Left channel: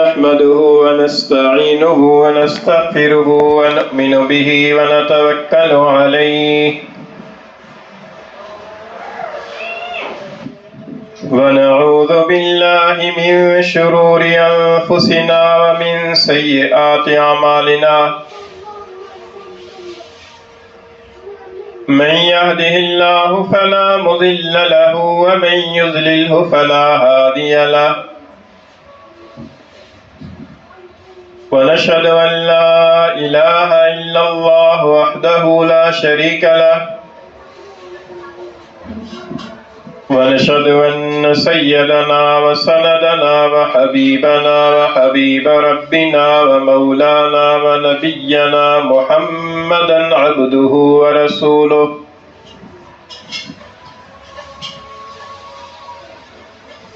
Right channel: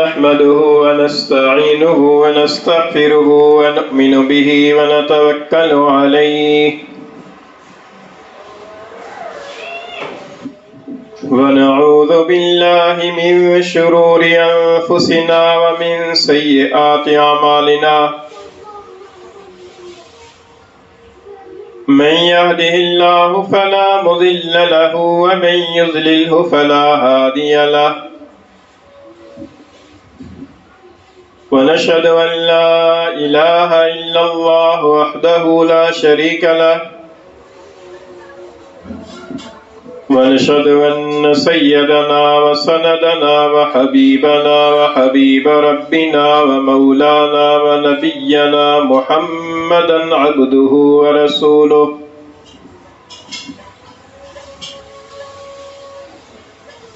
نحمده ونستعينه ونستغفره ونؤمن به ونتوكل عليه ونعوذ بالله من شرور أنفسنا ومن سيئات أعمالنا من يهده الله فلا مضل له ومن يضلله فلا هادي له ونشهد أن لا إله إلا الله وحده لا شريك له ونشهد أن سيدنا وسندنا وحبيبنا وحبيب ربنا ومولانا ونبينا محمدا عبده ورسوله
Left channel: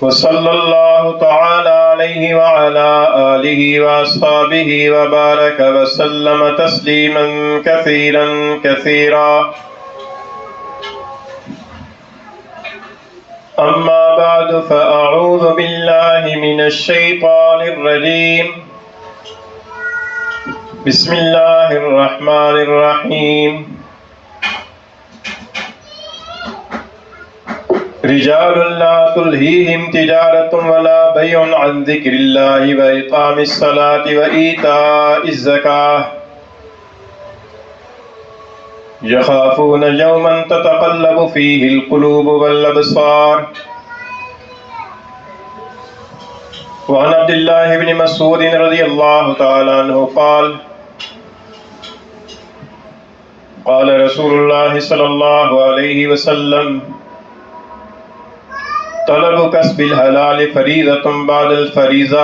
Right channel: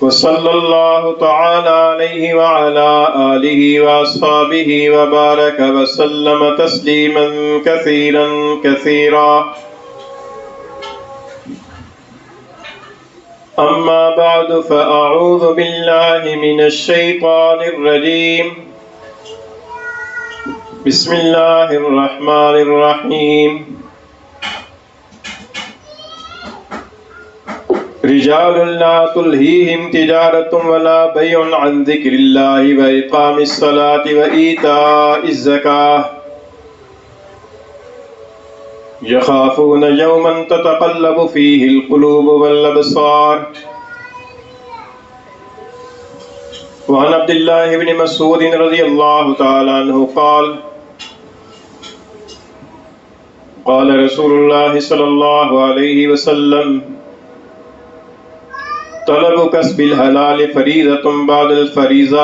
وصلى الله تعالى عليه وعلى آله وأصحابه وبارك وسلم تسليما كثيرا كثيرا أما بعد فأعوذ بالله من الشيطان الرجيم بسم الله الرحمن الرحيم رجال لا تلهيهم تجارة ولا بيع عن ذكر الله وإقام الصلاة وإيتاء الزكاة يخافون يوما تتقلب فيه القلوب والأبصار وعن عبد الله بن مسعود رضي الله تعالى عنه قال قال رسول الله صلى الله عليه وسلم طلب کسب الحلال فریضۃ بعد الفریضہ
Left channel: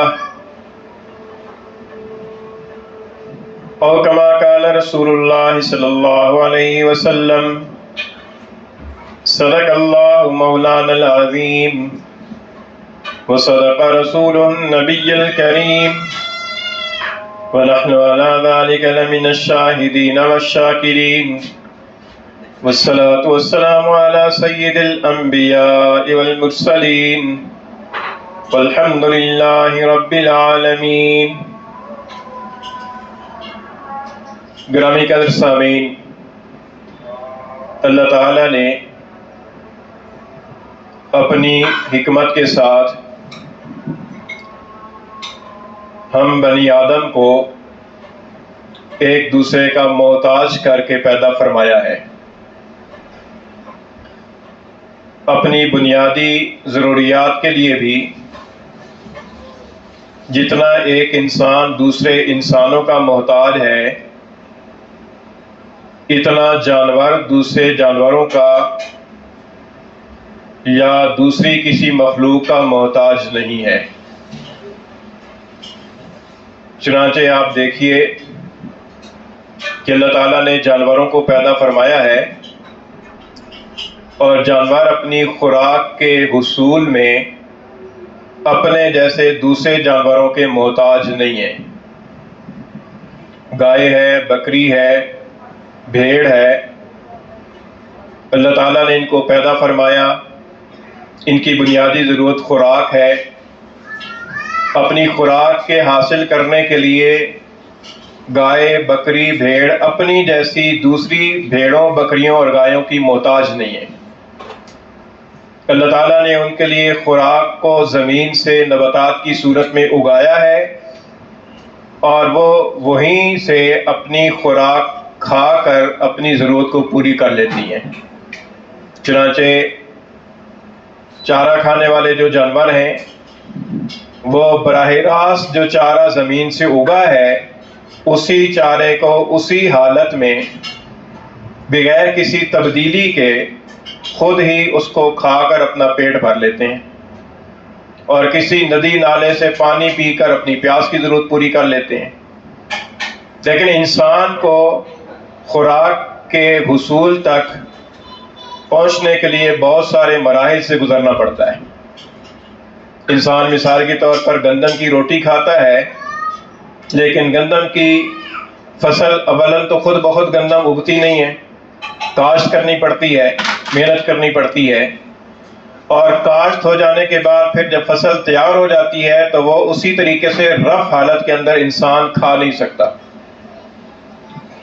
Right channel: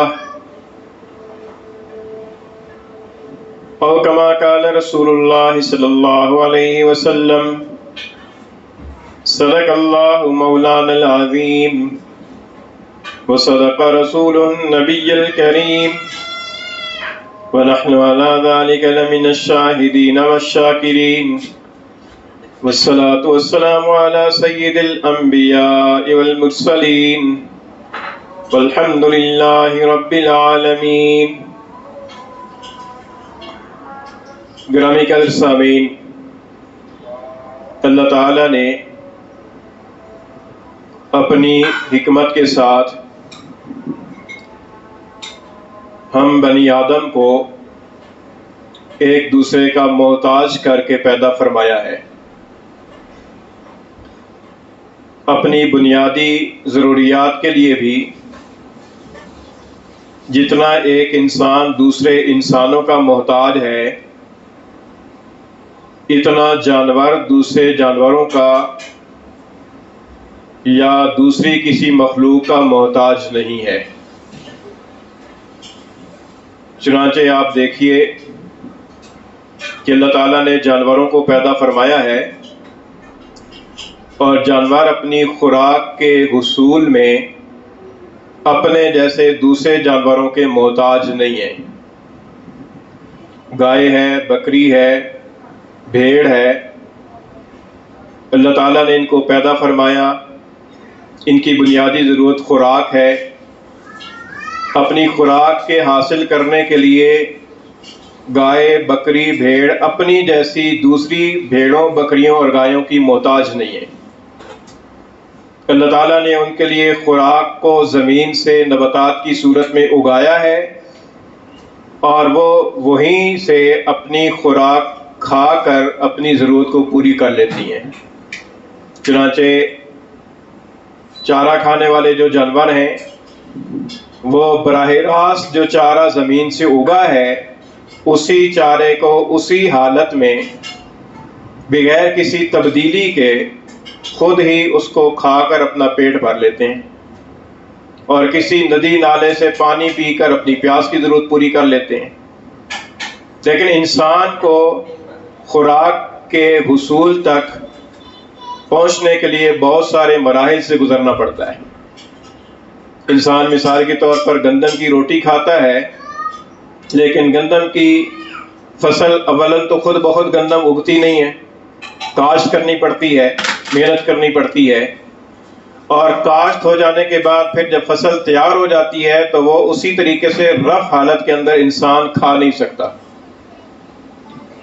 او کما قال رسول اللہ صلی اللہ علیہ وسلم صدق اللہ مولانا العظیم وصدق رسوله النبی الکریم ونحن على ذلك لمن الشاہدین والشاکرین والصلاة والسلام على سید الانبیاء والمرسلین والحمد للہ رب العالمین۔ گرامی قدر سامعین، اللہ تعالیٰ نے اپنی حکمت کے ساتھ ہم بنی آدم کو ایک دوسرے کا محتاج کر کے پیدا فرمایا ہے۔ اپنی بنیادی ضروریات کے لیے بھی جتنا ایک انسان دوسرے انسانوں کا محتاج ہے، اتنا جانور دوسرے جانوروں کا یا دوسری کسی مخلوق کا محتاج نہیں ہے۔ چنانچہ آپ دیکھیے کہ اللہ تعالیٰ نے جانوروں کو پیدا فرمایا ہے اور جانور اپنی خوراک کے حصول میں اپنے جیسے دوسرے جانوروں کے محتاج نہیں ہیں۔ گائے ہے، بکری ہے، بھیڑ ہے، اللہ تعالیٰ نے ان کو پیدا فرمایا، ان کی بنیادی ضرورت خوراک ہے۔ اپنی خوراک کے حاصل کرنے کے لیے گائے، بکری، بھیڑ اپنی جیسی دوسری بھیڑوں، بکریوں اور گایوں کی محتاج نہیں ہے۔ اللہ تعالیٰ نے ان کے لیے خوراک کو زمین سے نباتات کی صورت میں اگایا ہے اور وہ وہیں سے اپنی خوراک کھا کر اپنی ضرورت کو پوری کر لیتی ہیں۔ چنانچہ چارہ کھانے والے جو جانور ہیں وہ براہ راست جو چارہ زمین سے اگا ہے اسی چارے کو اسی حالت میں بغیر کسی تبدیلی کے خود ہی اس کو کھا کر اپنا پیٹ بھر لیتے ہیں اور کسی ندی نالے سے پانی پی کر اپنی پیاس کی ضرورت پوری کر لیتے ہیں۔ لیکن انسان کو خوراک کے حصول تک پہنچنے کے لیے بہت سارے مراحل سے گزرنا پڑتا ہے۔ انسان مثال کے طور پر گندم کی روٹی کھاتا ہے، لیکن گندم کی فصل اولاً تو خود بخود گندم اگتی نہیں ہے، کاشت کرنی پڑتی ہے، محنت کرنی پڑتی ہے، اور کاشت ہو جانے کے بعد پھر جب فصل تیار ہو جاتی ہے تو وہ اسی طریقے سے رف حالت کے اندر انسان کھا نہیں سکتا.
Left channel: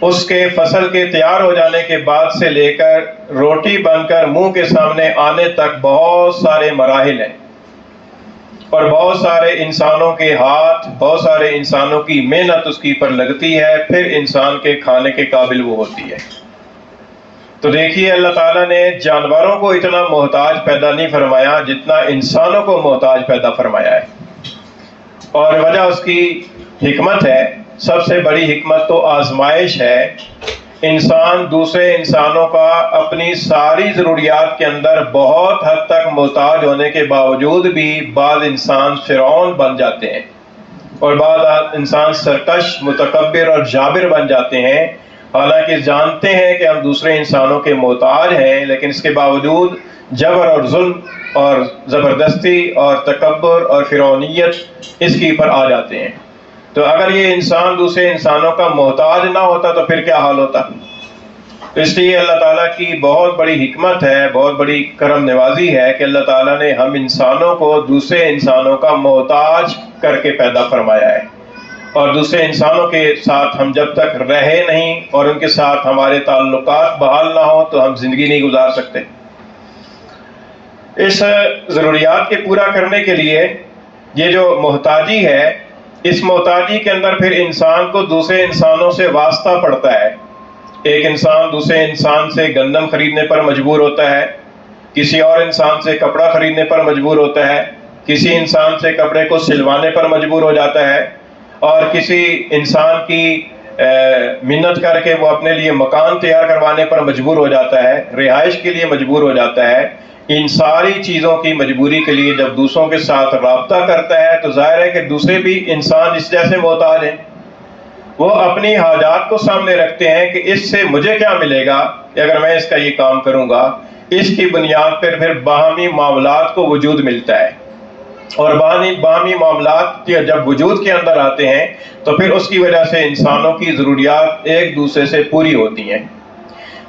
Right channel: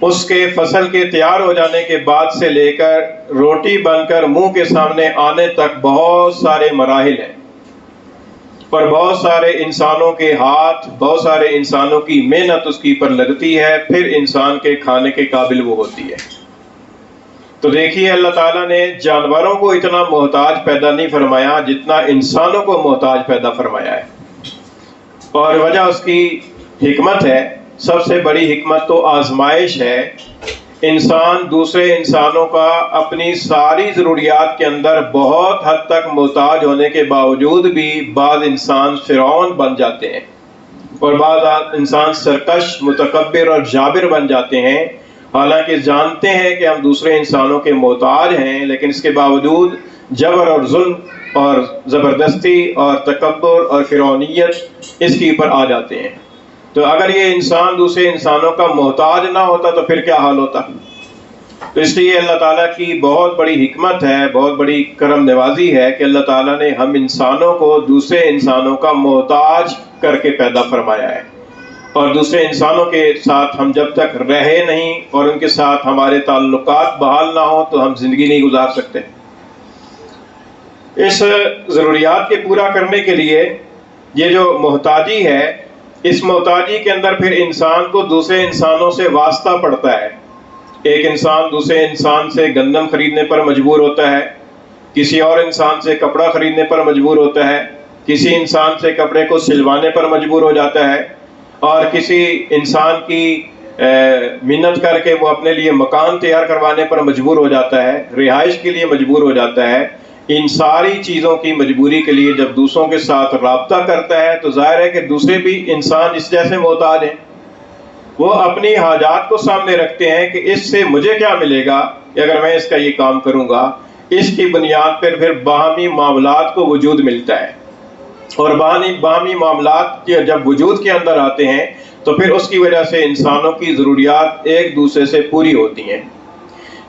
اس کے فصل کے تیار ہو جانے کے بعد سے لے کر روٹی بن کر منہ کے سامنے آنے تک بہت سارے مراحل ہیں، اور بہت سارے انسانوں کے ہاتھ، بہت سارے انسانوں کی محنت اس کی پر لگتی ہے، پھر انسان کے کھانے کے قابل وہ ہوتی ہے. تو دیکھیے اللہ تعالیٰ نے جانوروں کو اتنا محتاج پیدا نہیں فرمایا جتنا انسانوں کو محتاج پیدا فرمایا ہے، اور وجہ اس کی حکمت ہے. سب سے بڑی حکمت تو آزمائش ہے. انسان دوسرے انسانوں کا اپنی ساری ضروریات کے اندر بہت حد تک محتاج ہونے کے باوجود بھی بعض انسان فرعون بن جاتے ہیں، اور بعض انسان سرکش، متکبر اور جابر بن جاتے ہیں. حالانکہ جانتے ہیں کہ ہم دوسرے انسانوں کے محتاج ہیں، لیکن اس کے باوجود جبر اور ظلم اور زبردستی اور تکبر اور فرعونیت اس کے اوپر آ جاتے ہیں. تو اگر یہ انسان دوسرے انسانوں کا محتاج نہ ہوتا تو پھر کیا حال ہوتا؟ تو اس لیے اللہ تعالیٰ کی بہت بڑی حکمت ہے، بہت بڑی کرم نوازی ہے کہ اللہ تعالیٰ نے ہم انسانوں کو دوسرے انسانوں کا محتاج کر کے پیدا فرمایا ہے، اور دوسرے انسانوں کے ساتھ ہم جب تک رہے نہیں اور ان کے ساتھ ہمارے تعلقات بحال نہ ہوں تو ہم زندگی نہیں گزار سکتے. اس ضروریات کے پورا کرنے کے لیے یہ جو محتاجی ہے، اس محتاجی کے اندر پھر انسان کو دوسرے انسانوں سے واسطہ پڑتا ہے. ایک انسان دوسرے انسان سے گندم خریدنے پر مجبور ہوتا ہے، کسی اور انسان سے کپڑا خریدنے پر مجبور ہوتا ہے، کسی انسان سے کپڑے کو سلوانے پر مجبور ہو جاتا ہے، اور کسی انسان کی منت کر کے وہ اپنے لیے مکان تیار کروانے پر مجبور ہو جاتا ہے، رہائش کے لیے مجبور ہو جاتا ہے. ان ساری چیزوں کی مجبوری کے لیے جب دوسروں کے ساتھ رابطہ کرتا ہے تو ظاہر ہے کہ دوسرے بھی انسان اس جیسے محتاج ہیں. وہ اپنی حاجات کو سامنے رکھتے ہیں کہ اس سے مجھے کیا ملے گا اگر میں اس کا یہ کام کروں گا. اس کی بنیاد پر پھر باہمی معاملات کو وجود ملتا ہے، اور باہمی معاملات جب وجود کے اندر آتے ہیں تو پھر اس کی وجہ سے انسانوں کی ضروریات ایک دوسرے سے پوری ہوتی ہیں.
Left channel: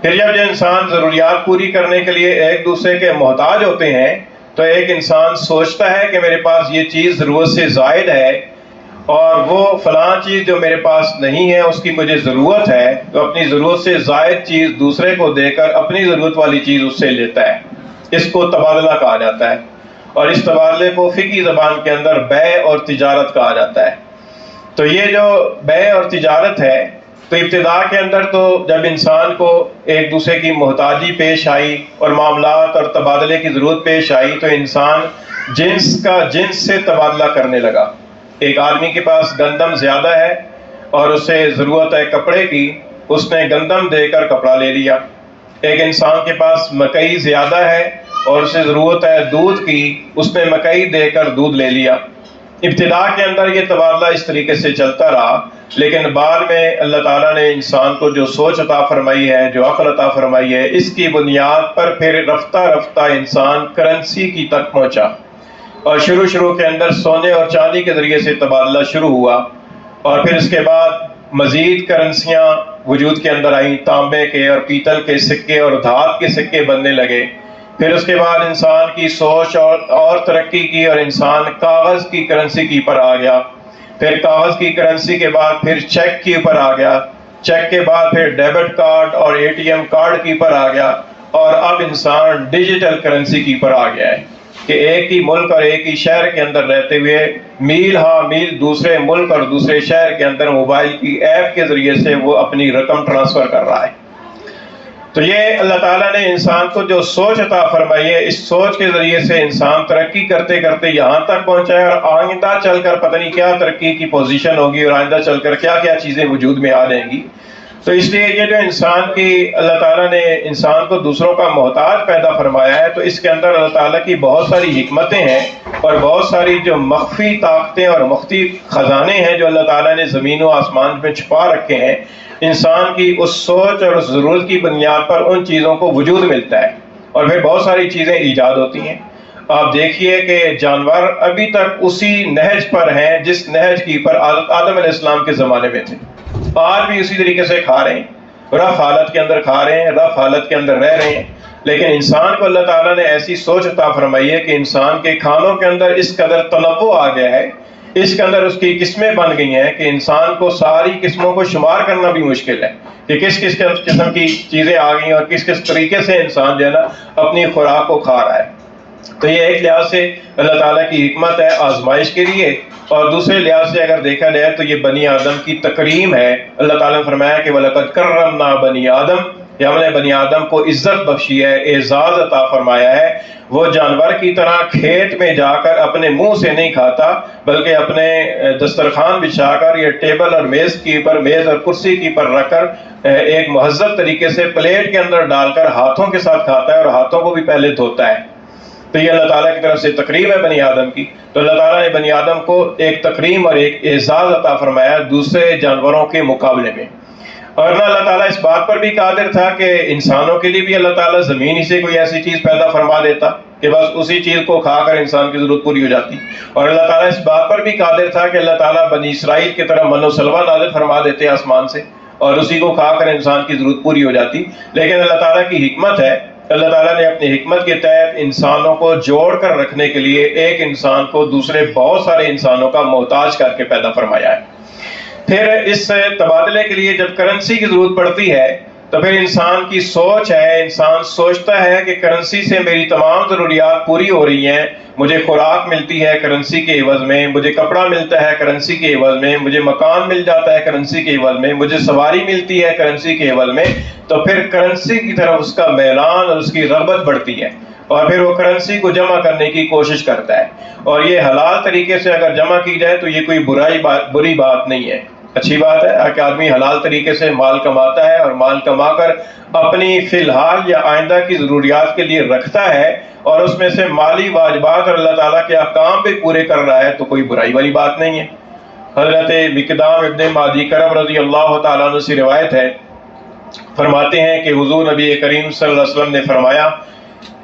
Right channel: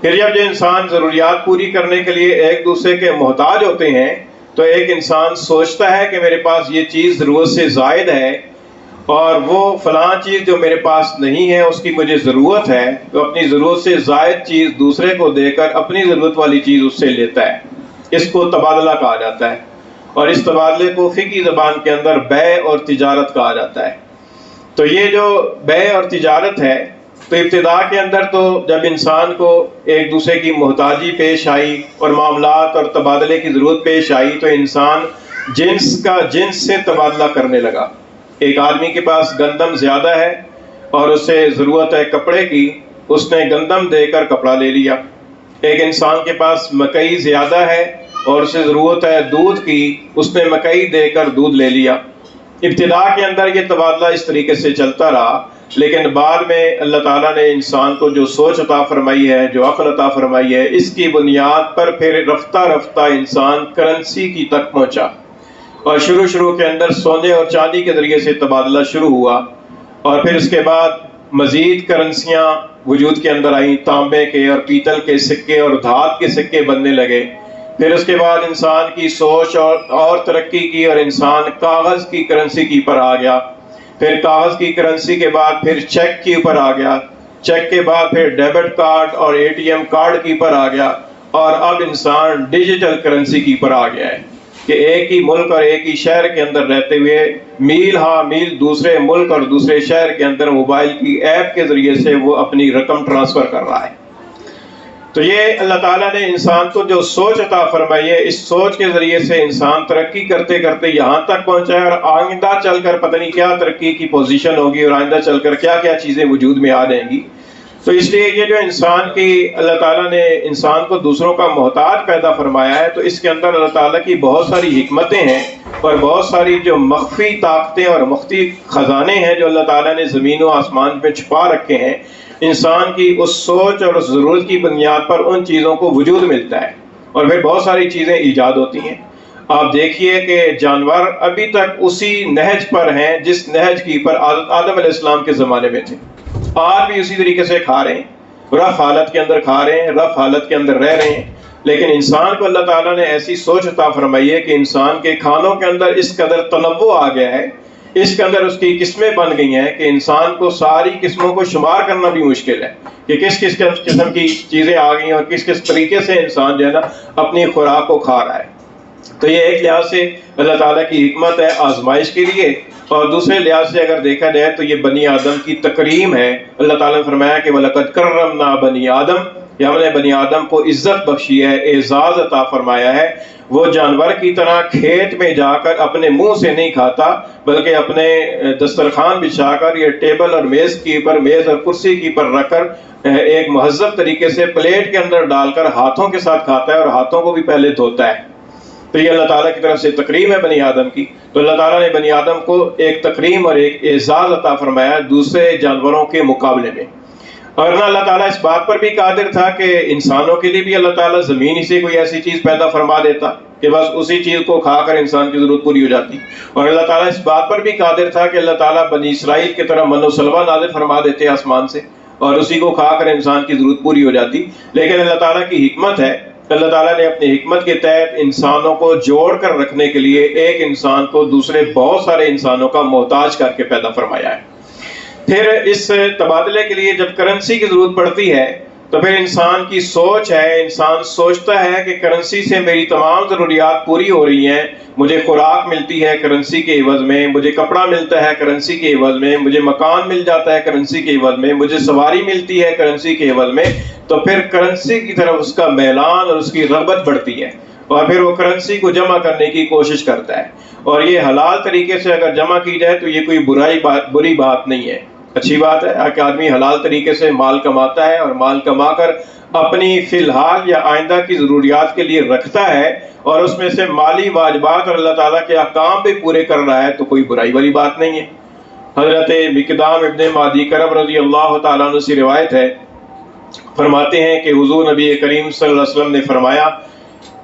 پھر جب جو انسان ضروریات پوری کرنے کے لیے ایک دوسرے کے محتاج ہوتے ہیں تو ایک انسان سوچتا ہے کہ میرے پاس یہ چیز ضرورت سے زائد ہے، اور وہ فلاں چیز جو میرے پاس نہیں ہے اس کی مجھے ضرورت ہے، تو اپنی ضرورت سے زائد چیز دوسرے کو دے کر اپنی ضرورت والی چیز اس سے لیتا ہے. اس کو تبادلہ کہا جاتا ہے، اور اس تبادلے کو فقہی زبان کے اندر بیع اور تجارت کہا جاتا ہے. تو یہ جو بیع اور تجارت ہے، تو ابتدا کے اندر تو جب انسان کو ایک دوسرے کی محتاجی پیش آئی اور معاملات اور تبادلے کی ضرورت پیش آئی تو انسان جنس سے تبادلہ کرنے لگا. ایک آدمی کے پاس گندم زیادہ ہے اور اسے ضرورت ہے کپڑے کی، اس نے گندم دے کر کپڑا لے لیا. ایک انسان کے پاس مکئی زیادہ ہے اور اسے ضرورت ہے دودھ کی، اس نے مکئی دے کر دودھ لے لیا. ابتدا کے اندر یہ تبادلہ اس طریقے سے چلتا رہا، لیکن بعد میں اللہ تعالیٰ نے انسان کو جو سوچ عطا فرمائی ہے، جو عقل عطا فرمائی ہے، اس کی بنیاد پر پھر رفتہ رفتہ انسان کرنسی کی تک پہنچا، اور شروع کے اندر سونے اور چاندی کے ذریعے سے تبادلہ شروع ہوا، اور پھر اس کے بعد مزید کرنسیاں وجود کے اندر آئیں، تانبے کے اور پیتل کے سکے اور دھات کے سکے بننے لگے. پھر اس کے بعد انسان کی سوچ اور ترقی کی اور انسان کاغذ کی کرنسی کی پر آ گیا. پھر کاغذ کی کرنسی کے بعد پھر چیک کے اوپر آ گیا، چیک کے بعد پھر ڈیبٹ کارڈ اور ATM کارڈ کی پر آ گیا، اور اب انسان ڈیجیٹل کرنسی کی پر آ گیا ہے کہ ایک ہی ملک اور ایک ہی شہر کے اندر رہتے ہوئے میل ہاں میل دوسرے ملک اور دوسرے شہر کے اندر موبائل کی ایپ کے ذریعے سے وہ اپنی رقم ٹرانسفر کر رہا ہے. تو یہ اللہ تعالیٰ نے انسان کو جو سوچ عطا فرمائی ہے، اس سوچ کے ذریعے سے انسان ترقی کرتے کرتے یہاں تک پہنچا ہے، اور آئندہ چل کر پتہ نہیں کیا ترقی کی پوزیشن ہوگی اور آئندہ چل کر کیا کیا چیزیں وجود میں آ جائیں گی. تو اس لیے یہ جو انسان کی اللہ تعالیٰ نے انسان کو دوسروں کا محتاج پیدا فرمایا ہے، تو اس کے اندر اللہ تعالیٰ کی بہت ساری حکمتیں ہیں اور بہت ساری جو مخفی طاقتیں اور مخفی خزانے ہیں جو اللہ تعالیٰ نے زمین و آسمان میں چھپا رکھے ہیں. انسان کی اس سوچ اور اس ضرورت کی بنیاد پر ان چیزوں کو وجود ملتا ہے، اور پھر بہت ساری چیزیں ایجاد ہوتی ہیں. آپ دیکھیے کہ جانور ابھی تک اسی نہج پر ہیں جس نہج کی پر آدم علیہ السلام کے زمانے میں تھے، آج بھی اسی طریقے سے کھا رہے ہیں. رف حالت کے اندر کھا رہے ہیں، رف حالت کے اندر رہ رہے ہیں. لیکن انسان کو اللہ تعالیٰ نے ایسی سوچ عطا فرمائی ہے کہ انسان کے کھانوں کے اندر اس قدر تنوع آ گیا ہے، اس کے اندر اس کی قسمیں بن گئی ہیں کہ انسان کو ساری قسموں کو شمار کرنا بھی مشکل ہے کہ کس کس قسم کی چیزیں آ گئی ہیں اور کس کس طریقے سے انسان جو ہے نا اپنی خوراک کو کھا رہا ہے. تو یہ ایک لحاظ سے اللہ تعالیٰ کی حکمت ہے آزمائش کے لیے، اور دوسرے لحاظ سے اگر دیکھا جائے تو یہ بنی آدم کی تکریم ہے. اللہ تعالیٰ نے فرمایا کہ وَلَقَدْ كَرَّمْنَا بَنِي آدم، کہ ہم نے بنی آدم کو عزت بخشی ہے، اعزاز عطا فرمایا ہے. وہ جانور کی طرح کھیت میں جا کر اپنے منہ سے نہیں کھاتا، بلکہ اپنے دسترخوان بچھا کر یا ٹیبل اور میز اور کرسی کی پر رکھ کر ایک مہذب طریقے سے پلیٹ کے اندر ڈال کر ہاتھوں کے ساتھ کھاتا ہے اور ہاتھوں کو بھی پہلے دھوتا ہے. تو یہ اللہ تعالیٰ کی طرف سے تکریم ہے بنی آدم کی. تو اللہ تعالیٰ نے بنی آدم کو ایک تکریم اور ایک اعزاز عطا فرمایا دوسرے جانوروں کے مقابلے میں. اور نہ اللہ تعالیٰ اس بات پر بھی قادر تھا کہ انسانوں کے لیے بھی اللہ تعالیٰ زمین ہی سے کوئی ایسی چیز پیدا فرما دیتا کہ بس اسی چیز کو کھا کر انسان کی ضرورت پوری ہو جاتی. اور اللہ تعالیٰ اس بات پر بھی قادر تھا کہ اللہ تعالیٰ بنی اسرائیل کی طرح من و سلوہ نازل فرما دیتے آسمان سے اور اسی کو کھا کر انسان کی ضرورت پوری ہو جاتی. لیکن اللہ تعالیٰ کی حکمت ہے، اللہ تعالیٰ نے اپنی حکمت کے تحت انسانوں کو جوڑ کر رکھنے کے لیے ایک انسان کو دوسرے بہت سارے انسانوں کا محتاج کر کے پیدا فرمایا ہے. پھر اس تبادلے کے لیے جب کرنسی کی ضرورت پڑتی ہے تو پھر انسان کی سوچ ہے، انسان سوچتا ہے کہ کرنسی سے میری تمام ضروریات پوری ہو رہی ہیں، مجھے خوراک ملتی ہے کرنسی کے عوض میں، مجھے کپڑا ملتا ہے کرنسی کے عوض میں، مجھے مکان مل جاتا ہے کرنسی کے عوض میں، مجھے سواری ملتی ہے کرنسی کے عوض میں. تو پھر کرنسی کی طرف اس کا میلان اور اس کی رغبت بڑھتی ہے اور پھر وہ کرنسی کو جمع کرنے کی کوشش کرتا ہے. اور یہ حلال طریقے سے اگر جمع کی جائے تو یہ کوئی بری بات نہیں ہے، اچھی بات ہے کہ آدمی حلال طریقے سے مال کماتا ہے اور مال کما کر اپنی فی الحال یا آئندہ کی ضروریات کے لیے رکھتا ہے اور اس میں سے مالی واجبات اور اللہ تعالیٰ کے احکام بھی پورے کر رہا ہے، تو کوئی برائی والی بات نہیں ہے. حضرت مقدام ابن معدی کرب رضی اللہ تعالیٰ عنہ سے روایت ہے، فرماتے ہیں کہ حضور نبی کریم صلی اللہ علیہ وسلم نے فرمایا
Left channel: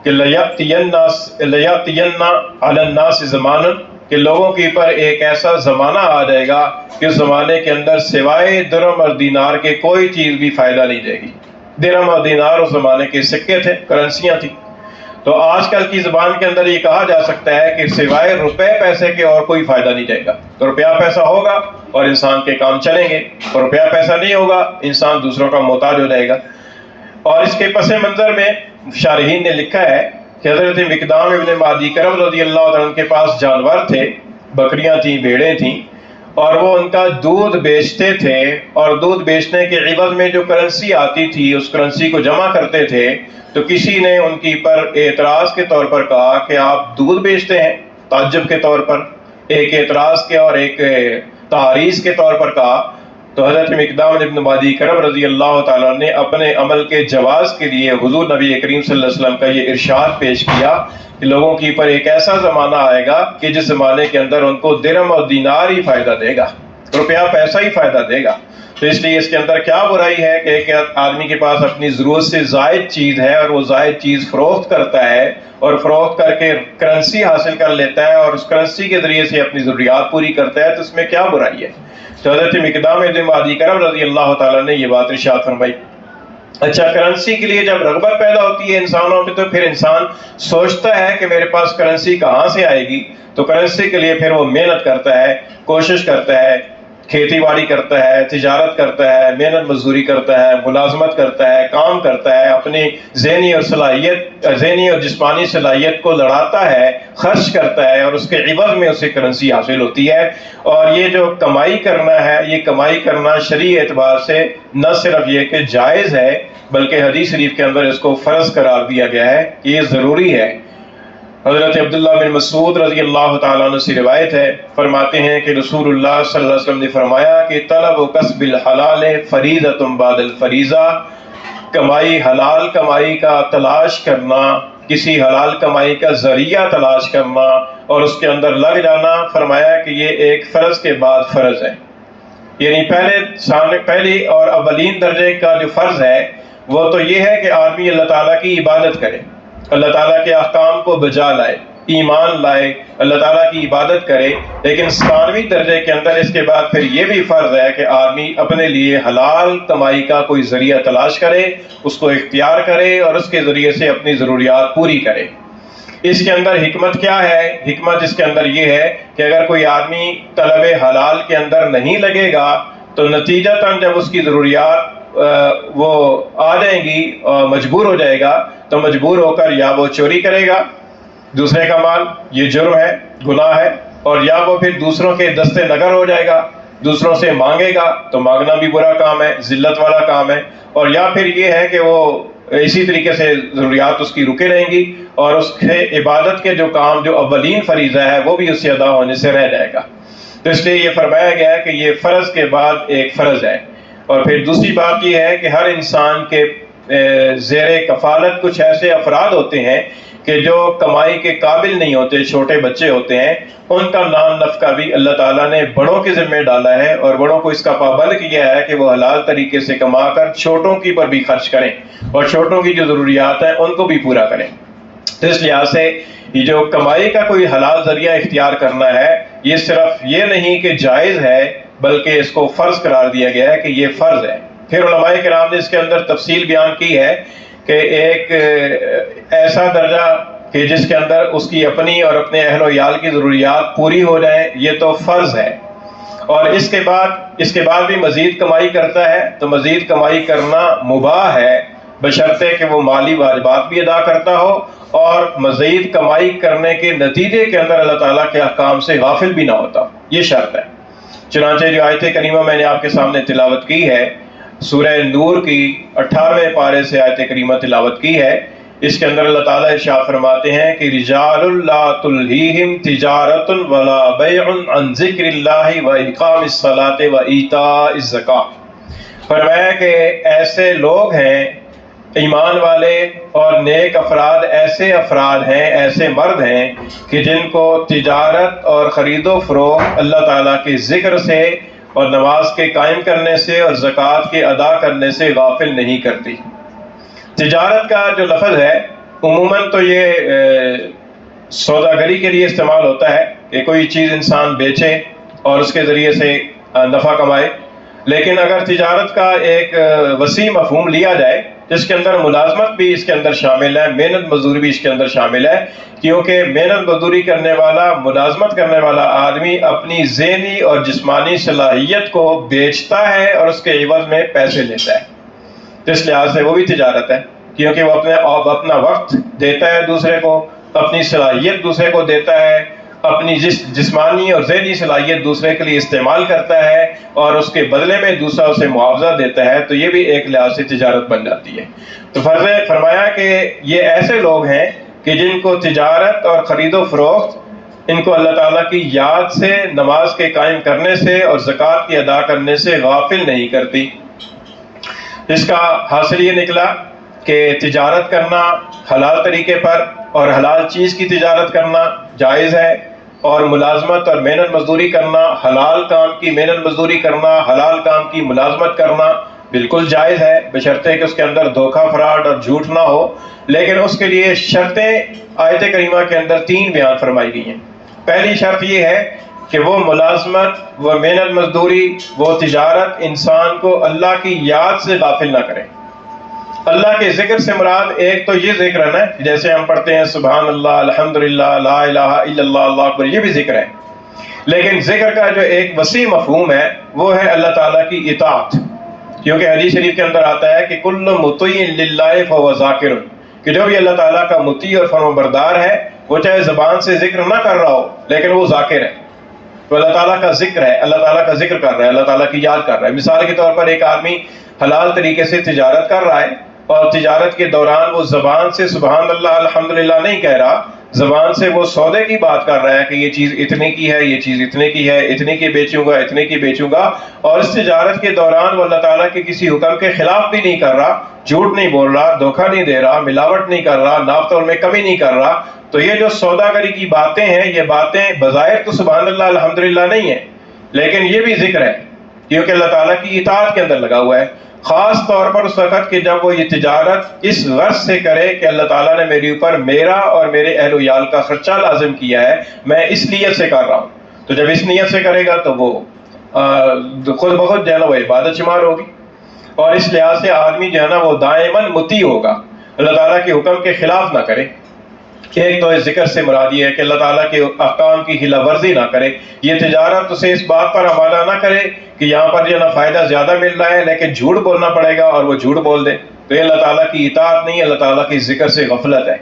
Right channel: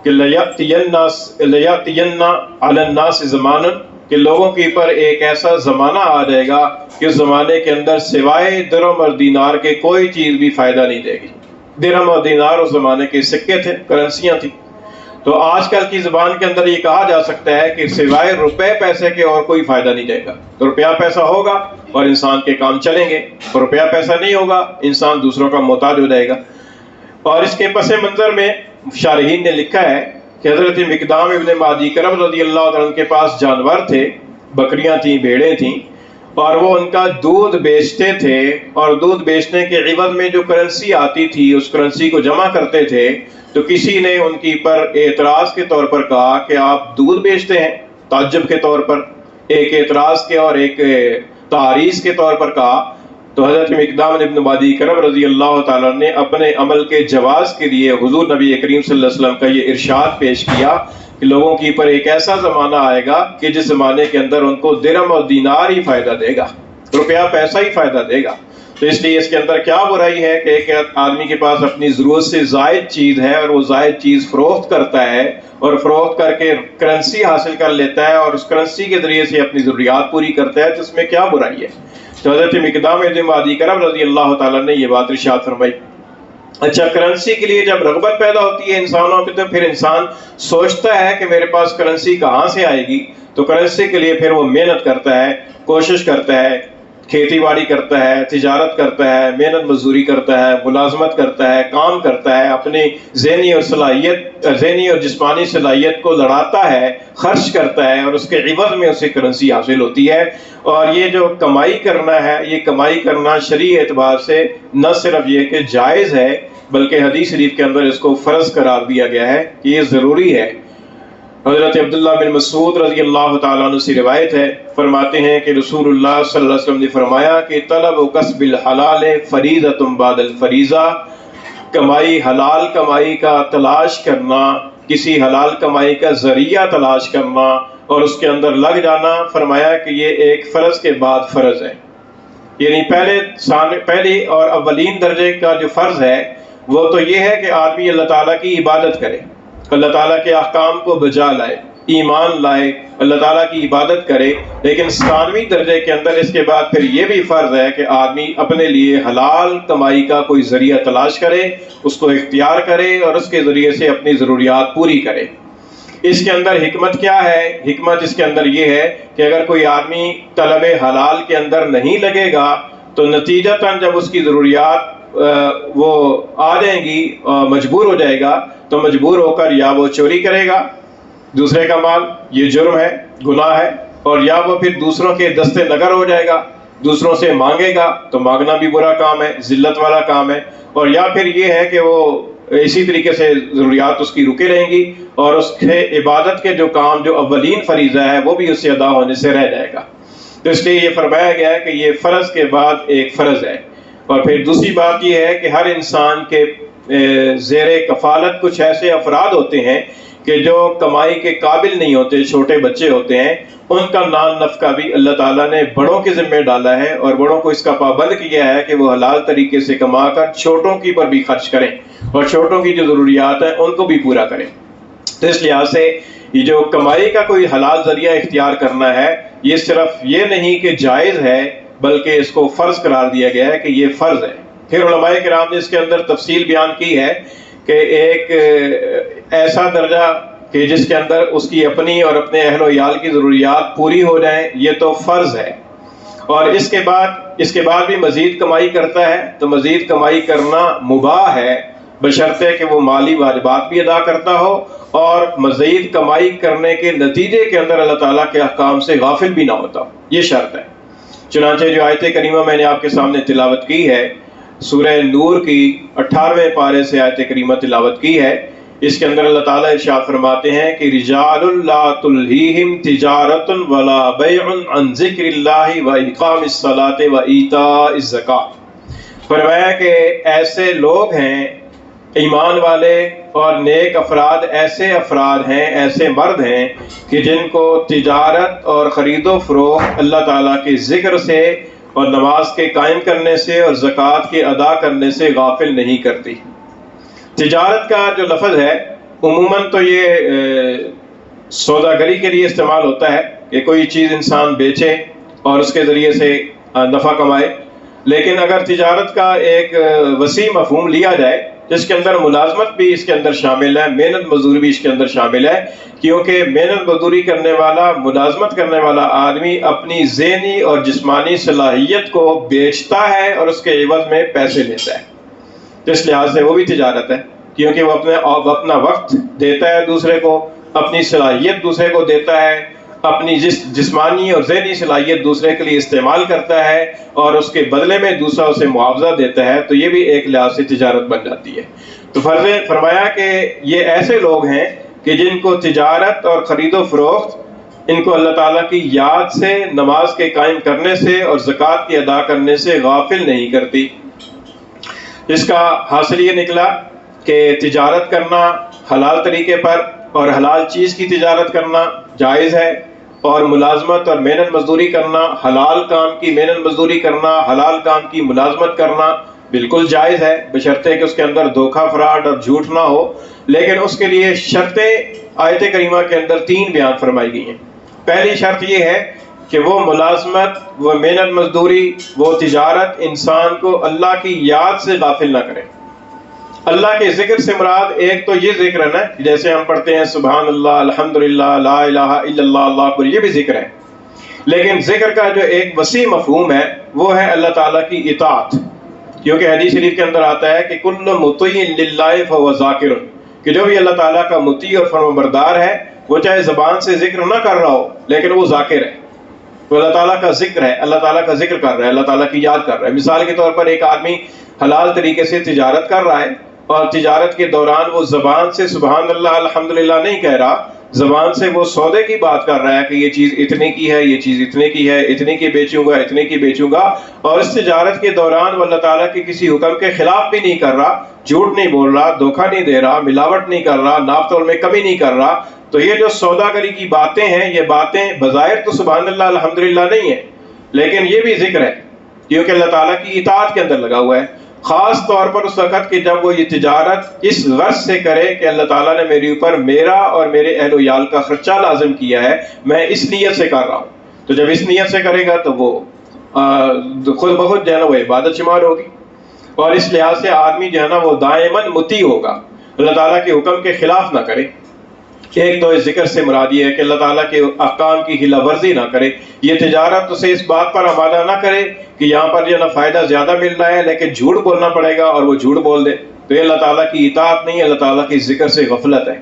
کہ لَيَأْتِيَنَّ عَلَى النَّاسِ زَمَانٌ، کہ لوگوں کے اوپر ایک ایسا زمانہ آ جائے گا کہ اس زمانے کے اندر سوائے درہم اور دینار کے کوئی چیز بھی فائدہ نہیں دے گی. درہم اور دینار اس زمانے کے سکے تھے، کرنسیاں تھیں. تو آج کل کی زبان کے اندر یہ کہا جا سکتا ہے کہ سوائے روپے پیسے کے اور کوئی فائدہ نہیں جائے گا. تو روپیہ پیسہ ہوگا اور انسان کے کام چلیں گے، اور روپیہ پیسہ نہیں ہوگا انسان دوسروں کا محتاج ہو جائے گا. اور اس کے پس منظر میں شارحین نے لکھا ہے کہ حضرت مقدام ابن معدی کرب رضی اللہ عنہ کے پاس جانور تھے، بکریاں تھیں، بھیڑیں تھیں، اور وہ ان کا دودھ بیچتے تھے اور دودھ بیچنے کے عوض میں جو کرنسی آتی تھی اس کرنسی کو جمع کرتے تھے. تو کسی نے ان کی پر اعتراض کے طور پر کہا کہ آپ دودھ بیچتے ہیں، تعجب کے طور پر، ایک اعتراض کے اور ایک تعریض کے طور پر کہا. تو حضرت مقدام ابن معدی کرب رضی اللہ تعالیٰ نے اپنے عمل کے جواز کے لیے حضور نبی کریم صلی اللہ علیہ وسلم کا یہ ارشاد پیش کیا کہ لوگوں کی پر ایک ایسا زمانہ آئے گا کہ جس زمانے کے اندر ان کو درہم اور دینار ہی فائدہ دے گا، روپیہ پیسہ ہی فائدہ دے گا. تو اس لیے اس کے اندر کیا برائی ہے کہ ایک آدمی کے پاس اپنی ضرورت سے زائد چیز ہے اور وہ زائد چیز فروخت کرتا ہے اور فروخت کر کے کرنسی حاصل کر لیتا ہے اور اس کرنسی کے ذریعے سے اپنی ضروریات پوری کرتا ہے، تو اس میں کیا برائی ہے. تو حضرت مقدام ابن معدی کرب رضی اللہ تعالیٰ نے یہ بات ارشاد فرمائی. اچھا، کرنسی کے لیے جب رغبت پیدا ہوتی ہے انسانوں میں تو پھر انسان سوچتا ہے کہ میرے پاس کرنسی کہاں سے آئے گی. تو کرنسی کے لیے پھر وہ محنت کرتا ہے، کوشش کرتا ہے، کھیتی باڑی کرتا ہے، تجارت کرتا ہے، محنت مزدوری کرتا ہے، ملازمت کرتا ہے، کام کرتا ہے، اپنی ذہنی اور جسمانی صلاحیت کو لڑاتا ہے، خرچ کرتا ہے اور اس کے عوض میں اسے کرنسی حاصل ہوتی ہے. اور یہ جو کمائی کرنا ہے، یہ کمائی کرنا شرعی اعتبار سے نہ صرف یہ کہ جائز ہے بلکہ حدیث شریف کے اندر اس کو فرض قرار دیا گیا ہے کہ یہ ضروری ہے. حضرت عبداللہ بن مسعود رضی اللہ تعالیٰ عنہ سے روایت ہے، فرماتے ہیں کہ رسول اللہ صلی اللہ علیہ وسلم نے فرمایا کہ طلب و کسب الحلال فریضۃ بعد الفریضہ، کمائی، حلال کمائی کا تلاش کرنا، کسی حلال کمائی کا ذریعہ تلاش کرنا اور اس کے اندر لگ جانا، فرمایا کہ یہ ایک فرض کے بعد فرض ہے. یعنی پہلی اور اولین درجے کا جو فرض ہے وہ تو یہ ہے کہ آدمی اللہ تعالیٰ کی عبادت کرے، اللہ تعالیٰ کے احکام کو بجا لائے، ایمان لائے، اللہ تعالیٰ کی عبادت کرے، لیکن ثانوی درجے کے اندر اس کے بعد پھر یہ بھی فرض ہے کہ آدمی اپنے لیے حلال کمائی کا کوئی ذریعہ تلاش کرے، اس کو اختیار کرے اور اس کے ذریعے سے اپنی ضروریات پوری کرے۔ اس کے اندر حکمت کیا ہے؟ حکمت اس کے اندر یہ ہے کہ اگر کوئی آدمی طلب حلال کے اندر نہیں لگے گا تو نتیجتاً جب اس کی ضروریات وہ آ جائیں گی، مجبور ہو جائے گا، تو مجبور ہو کر یا وہ چوری کرے گا دوسرے کا مال، یہ جرم ہے، گناہ ہے، اور یا وہ پھر دوسروں کے دستے نگر ہو جائے گا، دوسروں سے مانگے گا، تو مانگنا بھی برا کام ہے، ذلت والا کام ہے، اور یا پھر یہ ہے کہ وہ اسی طریقے سے ضروریات اس کی رکے رہیں گی اور اس کے عبادت کے جو کام جو اولین فریضہ ہے وہ بھی اس سے ادا ہونے سے رہ جائے گا۔ تو اس لیے یہ فرمایا گیا ہے کہ یہ فرض کے بعد ایک فرض ہے۔ اور پھر دوسری بات یہ ہے کہ ہر انسان کے زیر کفالت کچھ ایسے افراد ہوتے ہیں کہ جو کمائی کے قابل نہیں ہوتے، چھوٹے بچے ہوتے ہیں، ان کا نان نفقہ بھی اللہ تعالیٰ نے بڑوں کے ذمہ ڈالا ہے اور بڑوں کو اس کا پابند کیا ہے کہ وہ حلال طریقے سے کما کر چھوٹوں کی پر بھی خرچ کریں اور چھوٹوں کی جو ضروریات ہیں ان کو بھی پورا کریں۔ تو اس لحاظ سے یہ جو کمائی کا کوئی حلال ذریعہ اختیار کرنا ہے، یہ صرف یہ نہیں کہ جائز ہے بلکہ اس کو فرض قرار دیا گیا ہے کہ یہ فرض ہے۔ پھر علماء کرام نے اس کے اندر تفصیل بیان کی ہے کہ ایک ایسا درجہ کہ جس کے اندر اس کی اپنی اور اپنے اہل و عیال کی ضروریات پوری ہو جائیں، یہ تو فرض ہے، اور اس کے بعد بھی مزید کمائی کرتا ہے تو مزید کمائی کرنا مباح ہے، بشرطے کہ وہ مالی واجبات بھی ادا کرتا ہو اور مزید کمائی کرنے کے نتیجے کے اندر اللہ تعالیٰ کے احکام سے غافل بھی نہ ہوتا ہو، یہ شرط ہے۔ چنانچہ جو آیت کریمہ میں نے آپ کے سامنے تلاوت کی ہے، سورہ نور کی 18ویں پارے سے آیت کریمہ تلاوت کی ہے، اس کے اندر اللہ تعالیٰ ارشاد فرماتے ہیں کہ رجال لا تلہیہم تجارت ولا بیع عن ذکر اللہ و اقام الصلاۃ و ایتاء الزکاۃ۔ فرمایا کہ ایسے لوگ ہیں ایمان والے اور نیک افراد، ایسے افراد ہیں، ایسے مرد ہیں کہ جن کو تجارت اور خرید و فروخت اللہ تعالیٰ کے ذکر سے اور نماز کے قائم کرنے سے اور زکوٰۃ کے ادا کرنے سے غافل نہیں کرتی۔ تجارت کا جو لفظ ہے عموماً تو یہ سوداگری کے لیے استعمال ہوتا ہے کہ کوئی چیز انسان بیچے اور اس کے ذریعے سے نفع کمائے، لیکن اگر تجارت کا ایک وسیع مفہوم لیا جائے جس کے اندر ملازمت بھی اس کے اندر شامل ہے، محنت مزدوری بھی اس کے اندر شامل ہے، کیونکہ محنت مزدوری کرنے والا، ملازمت کرنے والا آدمی اپنی ذہنی اور جسمانی صلاحیت کو بیچتا ہے اور اس کے عوض میں پیسے لیتا ہے، تو اس لحاظ سے وہ بھی تجارت ہے، کیونکہ وہ اپنا وقت دیتا ہے دوسرے کو، اپنی صلاحیت دوسرے کو دیتا ہے، اپنی جسمانی اور ذہنی صلاحیت دوسرے کے لیے استعمال کرتا ہے اور اس کے بدلے میں دوسرا اسے معاوضہ دیتا ہے، تو یہ بھی ایک لحاظ سے تجارت بن جاتی ہے۔ تو فرمایا کہ یہ ایسے لوگ ہیں کہ جن کو تجارت اور خرید و فروخت ان کو اللہ تعالیٰ کی یاد سے، نماز کے قائم کرنے سے اور زکوٰۃ کی ادا کرنے سے غافل نہیں کرتی۔ اس کا حاصل یہ نکلا کہ تجارت کرنا حلال طریقے پر اور حلال چیز کی تجارت کرنا جائز ہے، اور ملازمت اور محنت مزدوری کرنا، حلال کام کی محنت مزدوری کرنا، حلال کام کی ملازمت کرنا بالکل جائز ہے، بشرطے کہ اس کے اندر دھوکہ فراڈ اور جھوٹ نہ ہو۔ لیکن اس کے لیے شرطیں آیت کریمہ کے اندر 3 بیان فرمائی گئی ہیں۔ پہلی شرط یہ ہے کہ وہ ملازمت، وہ محنت مزدوری، وہ تجارت انسان کو اللہ کی یاد سے غافل نہ کرے۔ اللہ کے ذکر سے مراد ایک تو یہ ذکر ہے نا، جیسے ہم پڑھتے ہیں سبحان اللہ، الحمدللہ، لا الہ الا اللہ، اللہ اکبر، یہ بھی ذکر ہے، لیکن ذکر کا جو ایک وسیع مفہوم ہے وہ ہے اللہ تعالیٰ کی اطاعت، کیونکہ حدیث شریف کے اندر آتا ہے کہ کل مطیع للہ فہو ذاکر، کہ جو بھی اللہ تعالیٰ کا مطیع اور فرمانبردار ہے وہ چاہے زبان سے ذکر نہ کر رہا ہو لیکن وہ ذاکر ہے، تو اللہ تعالیٰ کا ذکر ہے، اللہ تعالیٰ کا ذکر کر رہا ہے، اللہ تعالیٰ کی یاد کر رہا ہے۔ مثال کے طور پر ایک آدمی حلال طریقے سے تجارت کر رہا ہے اور تجارت کے دوران وہ زبان سے سبحان اللہ الحمدللہ نہیں کہہ رہا، زبان سے وہ سودے کی بات کر رہا ہے کہ یہ چیز اتنے کی ہے، یہ چیز اتنے کی ہے، اتنے کی بیچوں گا، اتنے کی بیچوں گا، اور اس تجارت کے دوران وہ اللہ تعالیٰ کے کسی حکم کے خلاف بھی نہیں کر رہا، جھوٹ نہیں بول رہا، دھوکہ نہیں دے رہا، ملاوٹ نہیں کر رہا، ناپ تول میں کمی نہیں کر رہا، تو یہ جو سوداگری کی باتیں ہیں، یہ باتیں بظاہر تو سبحان اللہ الحمدللہ نہیں ہیں، لیکن یہ بھی ذکر ہے کیونکہ اللہ تعالیٰ کی اطاعت کے اندر لگا ہوا ہے۔ خاص طور پر اس وقت کہ جب وہ یہ تجارت اس غرض سے کرے کہ اللہ تعالیٰ نے میرے اوپر میرا اور میرے اہل و عیال کا خرچہ لازم کیا ہے، میں اس نیت سے کر رہا ہوں. تو جب اس نیت سے کرے گا تو وہ خود بخود جو ہے نا وہ عبادت شمار ہوگی. اور اس لحاظ سے آدمی جو ہے نا وہ دائماً مطیع ہوگا، اللہ تعالیٰ کے حکم کے خلاف نہ کرے. ایک تو اس ذکر سے مراد یہ ہے کہ اللہ تعالیٰ کے احکام کی خلاف ورزی نہ کرے. یہ تجارت اسے اس بات پر آمادہ نہ کرے کہ یہاں پر جو ہے نا فائدہ زیادہ مل رہا ہے لیکن جھوٹ بولنا پڑے گا اور وہ جھوٹ بول دے، تو یہ اللہ تعالیٰ کی اطاعت نہیں، اللہ تعالیٰ کی ذکر سے غفلت ہے.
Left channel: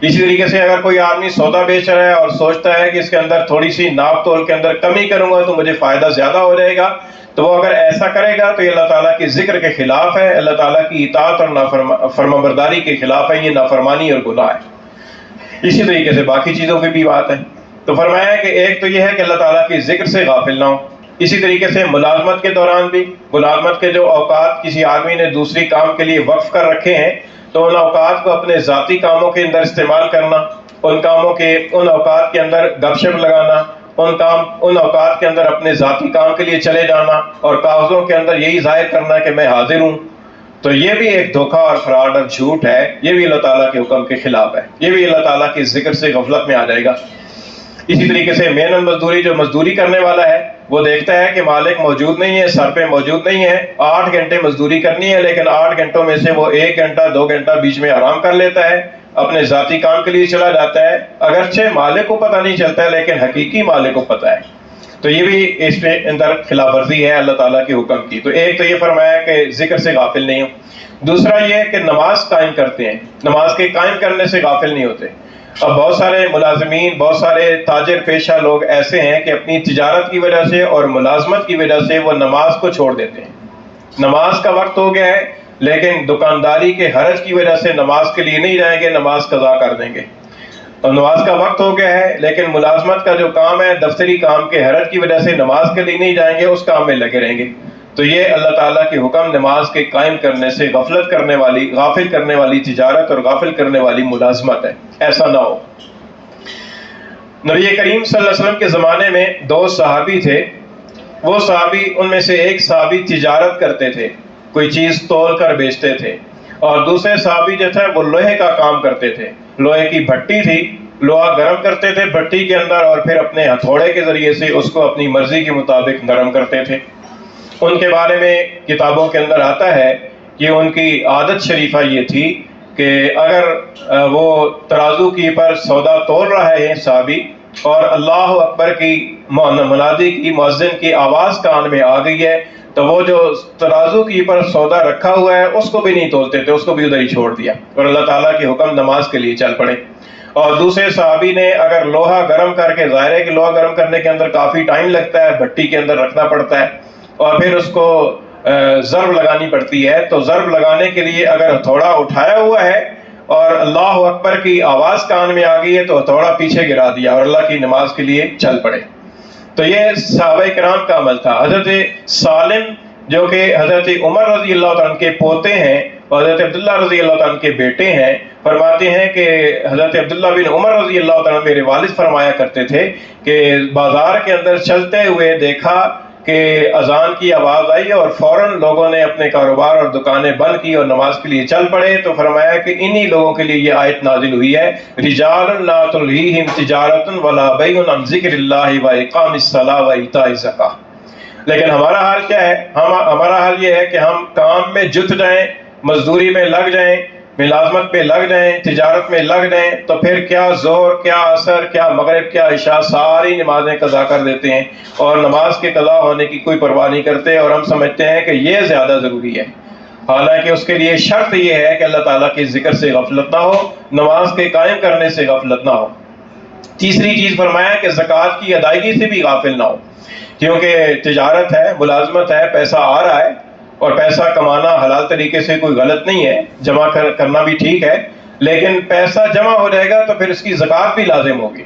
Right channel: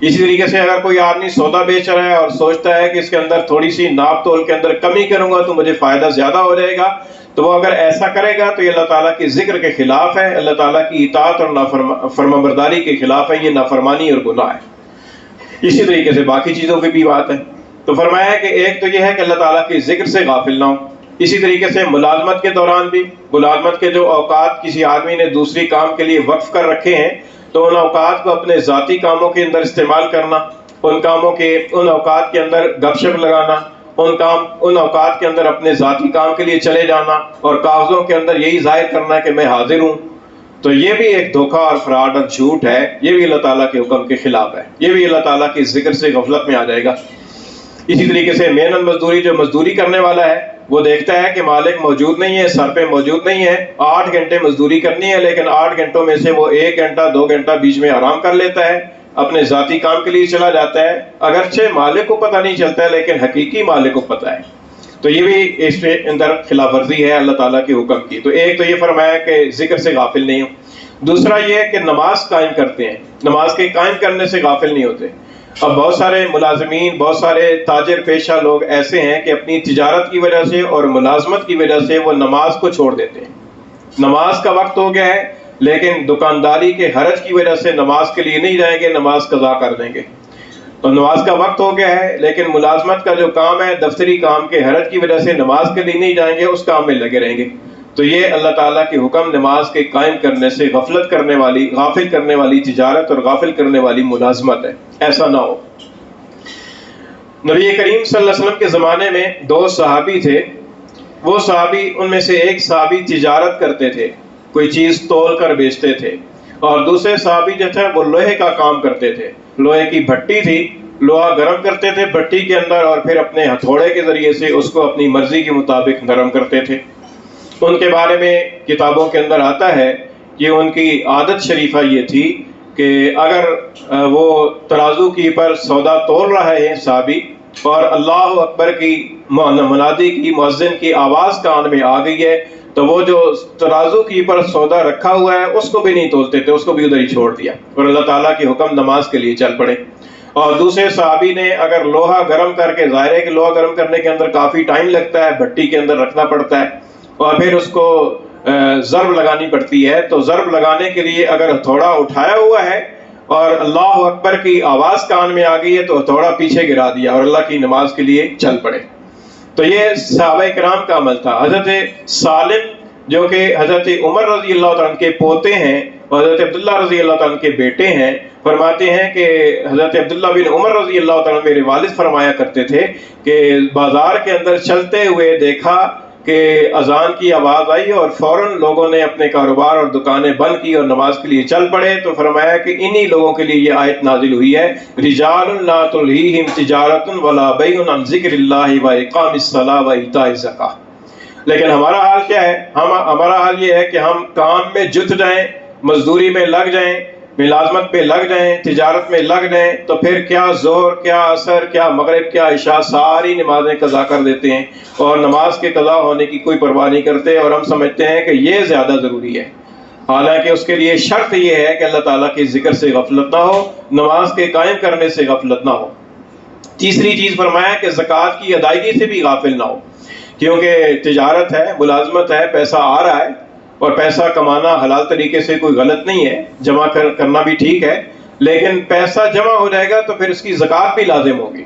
اسی طریقے سے اگر کوئی آدمی سودا بیچ رہا ہے اور سوچتا ہے کہ اس کے اندر تھوڑی سی ناپ تول کے اندر کمی کروں گا تو مجھے فائدہ زیادہ ہو جائے گا، تو وہ اگر ایسا کرے گا تو یہ اللہ تعالیٰ کی ذکر کے خلاف ہے، اللہ تعالیٰ کی اطاعت اور فرمانبرداری کے خلاف ہے، یہ نافرمانی اور گناہ ہے. اسی طریقے سے باقی چیزوں کی بھی بات ہے. تو فرمایا کہ ایک تو یہ ہے کہ اللہ تعالیٰ کی ذکر سے غافل نہ ہو. اسی طریقے سے ملازمت کے دوران بھی، ملازمت کے جو اوقات کسی آدمی نے دوسری کام کے لیے وقف کر رکھے ہیں تو ان اوقات کو اپنے ذاتی کاموں کے اندر استعمال کرنا، ان اوقات کے اندر گپ شپ لگانا، ان اوقات کے اندر اپنے ذاتی کام کے لیے چلے جانا اور کاغذوں کے اندر یہی ظاہر کرنا کہ میں حاضر ہوں، تو یہ بھی ایک دھوکہ اور فراڈ اور جھوٹ ہے. یہ بھی اللہ تعالیٰ کے حکم کے خلاف ہے، یہ بھی اللہ تعالیٰ کی ذکر سے غفلت میں آ جائے گا. اسی طریقے سے محنت مزدوری، جو مزدوری کرنے والا ہے وہ دیکھتا ہے کہ مالک موجود نہیں ہے، سر پہ موجود نہیں ہے، 8 گھنٹے مزدوری کرنی ہے لیکن 8 گھنٹوں میں سے وہ 1 گھنٹہ 2 گھنٹہ بیچ میں آرام کر لیتا ہے، اپنے ذاتی کام کے لیے چلا جاتا ہے، اگرچہ مالک کو پتہ نہیں چلتا ہے لیکن حقیقی مالک کو پتہ ہے. تو یہ بھی اس کے اندر خلاف ورزی ہے اللہ تعالیٰ کے حکم کی. تو ایک تو یہ فرمایا کہ ذکر سے غافل نہیں ہو. دوسرا یہ کہ نماز قائم کرتے ہیں، نماز کے قائم کرنے سے غافل نہیں ہوتے. اب بہت سارے ملازمین، بہت سارے تاجر پیشہ لوگ ایسے ہیں کہ اپنی تجارت کی وجہ سے اور ملازمت کی وجہ سے وہ نماز کو چھوڑ دیتے ہیں. نماز کا وقت ہو گیا ہے لیکن دکانداری کے حرج کی وجہ سے نماز کے لیے نہیں جائیں گے، نماز قضا کر دیں گے. اور نماز کا وقت ہو گیا ہے لیکن ملازمت کا جو کام ہے، دفتری کام کے حرج کی وجہ سے نماز کے لیے نہیں جائیں گے، اس کام میں لگے رہیں گے. تو یہ اللہ تعالیٰ کے حکم نماز کے قائم کرنے سے غفلت کرنے والی، غافل کرنے والی تجارت اور غافل کرنے والی ملازمت ہے. ایسا نہ ہو. نبی کریم صلی اللہ علیہ وسلم کے زمانے میں 2 صحابی تھے. وہ صحابی، ان میں سے ایک صحابی تجارت کرتے تھے، کوئی چیز تول کر بیچتے تھے، اور دوسرے صحابی جو تھے وہ لوہے کا کام کرتے تھے. لوہے کی بھٹی تھی، لوہا گرم کرتے تھے بھٹی کے اندر اور پھر اپنے ہتھوڑے کے ذریعے سے اس کو اپنی مرضی کے مطابق نرم کرتے تھے. ان کے بارے میں کتابوں کے اندر آتا ہے کہ ان کی عادت شریفہ یہ تھی کہ اگر وہ ترازو کی پر سودا تول رہے ہیں صحابی اور اللہ اکبر کی منادی کی، مؤذن کی آواز کان میں آ گئی ہے تو وہ جو ترازو کی پر سودا رکھا ہوا ہے اس کو بھی نہیں تولتے تھے، اس کو بھی ادھر ہی چھوڑ دیا اور اللہ تعالیٰ کے حکم نماز کے لیے چل پڑے. اور دوسرے صحابی نے اگر لوہا گرم کر کے، ظاہر ہے کہ لوہا گرم کرنے کے اندر کافی ٹائم لگتا ہے، بھٹی کے اندر رکھنا پڑتا ہے اور پھر اس کو ضرب لگانی پڑتی ہے، تو ضرب لگانے کے لیے اگر ہتھوڑا اٹھایا ہوا ہے اور اللہ اکبر کی آواز کان میں آ گئی ہے تو ہتھوڑا پیچھے گرا دیا اور اللہ کی نماز کے لیے چل پڑے. تو یہ صحابہ کرام کا عمل تھا. حضرت سالم جو کہ حضرت عمر رضی اللہ تعالیٰ عنہ کے پوتے ہیں اور حضرت عبداللہ رضی اللہ تعالیٰ عنہ کے بیٹے ہیں، فرماتے ہیں کہ حضرت عبداللہ بن عمر رضی اللہ تعالیٰ عنہ میرے والد فرمایا کرتے تھے کہ بازار کے اندر چلتے ہوئے دیکھا کہ اذان کی آواز آئی اور فوراً لوگوں نے اپنے کاروبار اور دکانیں بند کی اور نماز کے لیے چل پڑے. تو فرمایا کہ انہی لوگوں کے لیے یہ آیت نازل ہوئی ہے، رجال لا تلہیہم تجارت ولا بیع عن ذکر اللہ واقام الصلاۃ وایتاء الزکاۃ. لیکن ہمارا حال کیا ہے؟ ہمارا حال یہ ہے کہ ہم کام میں جت جائیں، مزدوری میں لگ جائیں، ملازمت پہ لگ جائیں، تجارت میں لگ جائیں، تو پھر کیا ظہر، کیا عصر، کیا مغرب، کیا عشاء، ساری نمازیں قضا کر دیتے ہیں اور نماز کے قضا ہونے کی کوئی پرواہ نہیں کرتے اور ہم سمجھتے ہیں کہ یہ زیادہ ضروری ہے. حالانکہ اس کے لیے شرط یہ ہے کہ اللہ تعالیٰ کے ذکر سے غفلت نہ ہو، نماز کے قائم کرنے سے غفلت نہ ہو. تیسری چیز فرمایا کہ زکوٰۃ کی ادائیگی سے بھی غافل نہ ہو، کیونکہ تجارت ہے، ملازمت ہے، پیسہ آ رہا ہے اور پیسہ کمانا حلال طریقے سے کوئی غلط نہیں ہے، جمع کرنا بھی ٹھیک ہے، لیکن پیسہ جمع ہو جائے گا تو پھر اس کی زکوٰۃ بھی لازم ہوگی.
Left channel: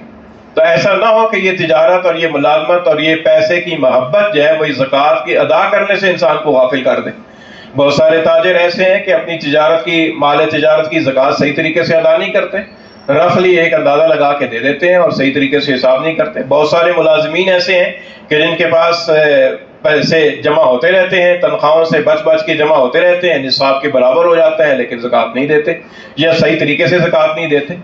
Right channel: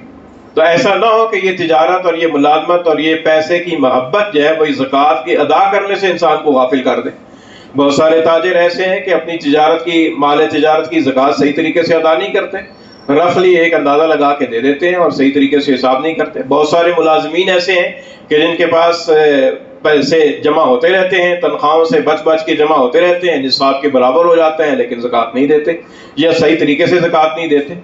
تو ایسا نہ ہو کہ یہ تجارت اور یہ ملازمت اور یہ پیسے کی محبت جو ہے وہی زکوٰۃ کی ادا کرنے سے انسان کو غافل کر دے. بہت سارے تاجر ایسے ہیں کہ اپنی تجارت کی، مال تجارت کی زکوٰۃ صحیح طریقے سے ادا نہیں کرتے، رفلی ایک اندازہ لگا کے دے دیتے ہیں اور صحیح طریقے سے حساب نہیں کرتے. بہت سارے ملازمین ایسے ہیں کہ جن کے پاس پیسے جمع ہوتے رہتے ہیں، تنخواہوں سے بچ بچ کے جمع ہوتے رہتے ہیں، نصاب کے برابر ہو جاتے ہیں، لیکن زکوٰۃ نہیں دیتے یا صحیح طریقے سے زکوٰۃ نہیں دیتے۔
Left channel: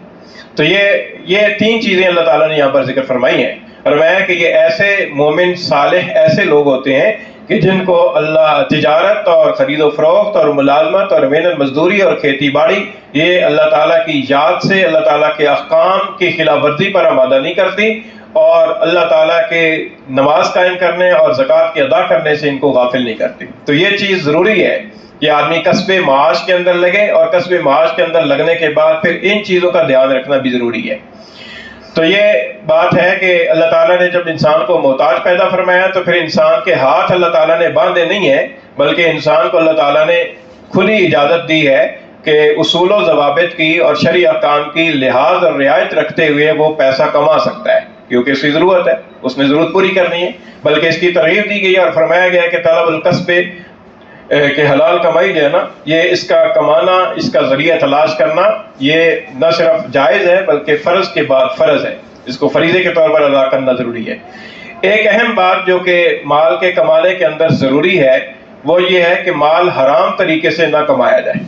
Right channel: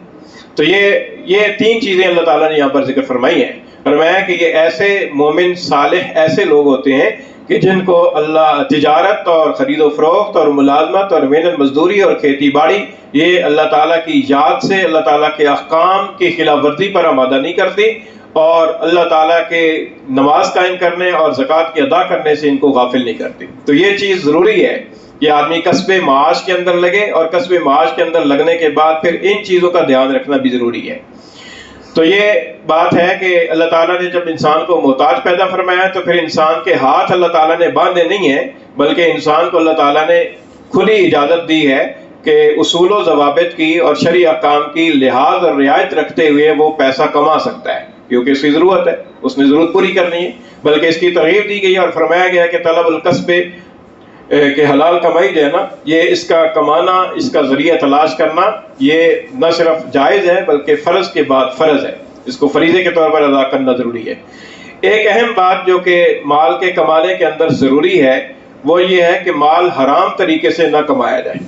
تو یہ تین چیزیں اللہ تعالیٰ نے یہاں پر ذکر فرمائی ہیں۔ فرمایا کہ یہ ایسے مومن صالح ایسے لوگ ہوتے ہیں کہ جن کو اللہ تجارت اور خرید و فروخت اور ملازمت اور محنت مزدوری اور کھیتی باڑی یہ اللہ تعالیٰ کی یاد سے، اللہ تعالیٰ کے احکام کی خلاف ورزی پر آمادہ نہیں کرتی، اور اللہ تعالیٰ کے نماز قائم کرنے اور زکوٰۃ کے ادا کرنے سے ان کو غافل نہیں کرتی۔ تو یہ چیز ضروری ہے کہ آدمی کسب معاش کے اندر لگے، اور کسب معاش کے اندر لگنے کے بعد پھر ان چیزوں کا دھیان رکھنا بھی ضروری ہے۔ تو یہ بات ہے کہ اللہ تعالیٰ نے جب انسان کو محتاج پیدا فرمایا تو پھر انسان کے ہاتھ اللہ تعالیٰ نے باندھے نہیں ہیں، بلکہ انسان کو اللہ تعالیٰ نے کھلی اجازت دی ہے کہ اصول و ضوابط کی اور شرعی احکام کی لحاظ اور رعایت رکھتے ہوئے وہ پیسہ کما سکتا ہے، کیونکہ اس کی ضرورت ہے، اس نے ضرورت پوری کرنی ہے، بلکہ اس کی ترغیب دی گئی ہے اور فرمایا گیا کہ طلب الکسب کہ حلال کمائی جو ہے نا، یہ اس کا کمانا، اس کا ذریعہ تلاش کرنا، یہ نہ صرف جائز ہے بلکہ فرض کے بعد فرض ہے، اس کو فریضے کے طور پر ادا کرنا ضروری ہے۔ ایک اہم بات جو کہ مال کے کمانے کے اندر ضروری ہے وہ یہ ہے کہ مال حرام طریقے سے نہ کمایا جائے۔